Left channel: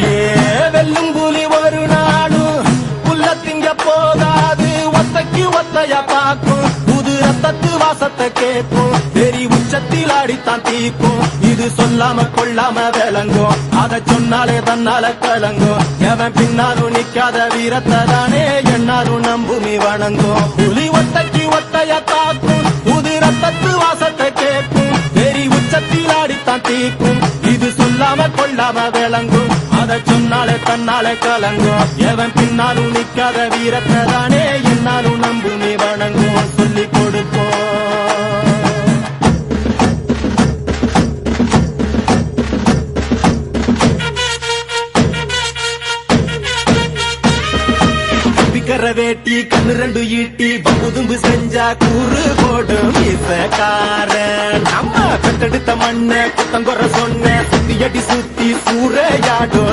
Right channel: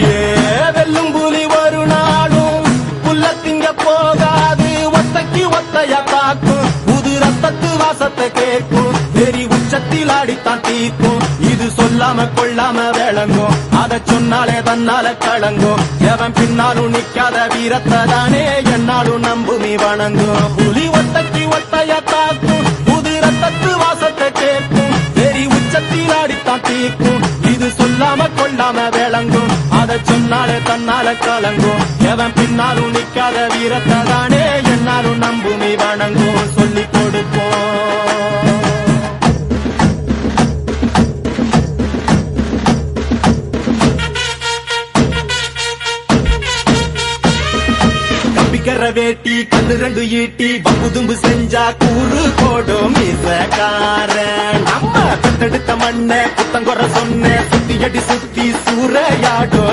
ஏ வெல்லும் புலி ஒரு நாளும் புல்ல திங்க போகாது, ஒத்தைக்கு ஒத்தையா காக்கும், புது ரத்தத்து வாசத்தை கேட்கும், வெறி உச்சத்தில் அடித்தான் தீக்கும். இது சொல்லாம கொள்ளாம விளங்கும், அதை சொன்னாலே தன்னால கலங்கும். எவன் பின்னாலும் நிக்காத வீரத்தை தானே என்னாலும் நம்புமி வணங்கும். புலி ஒத்தைக்கு ஒத்தையா காக்கும், புது ரத்தத்து வாசத்தை கேட்கும், வெறி உச்சத்தில் அடித்தான் தீக்கும். இது சொல்லாம கொள்ளாம விளங்கும், அதை சொன்னாலே தன்னால கலங்கும். எவன் பின்னாலும் நிக்காத வீரத்தை தானே என்னாலும் நம்புமி வணங்கும். சொல்லி கொடுப்போம். கம்பிக்கர வேட்டி கண்ணு ரெண்டு ஈட்டி பகுதும்பு செஞ்சா கூறு போடும் இசக்காரன். அம்மா தத்தெடுத்த மண்ண குத்தங்குற சொன்ன சுத்தி அடி சுத்தி சூறையாடும்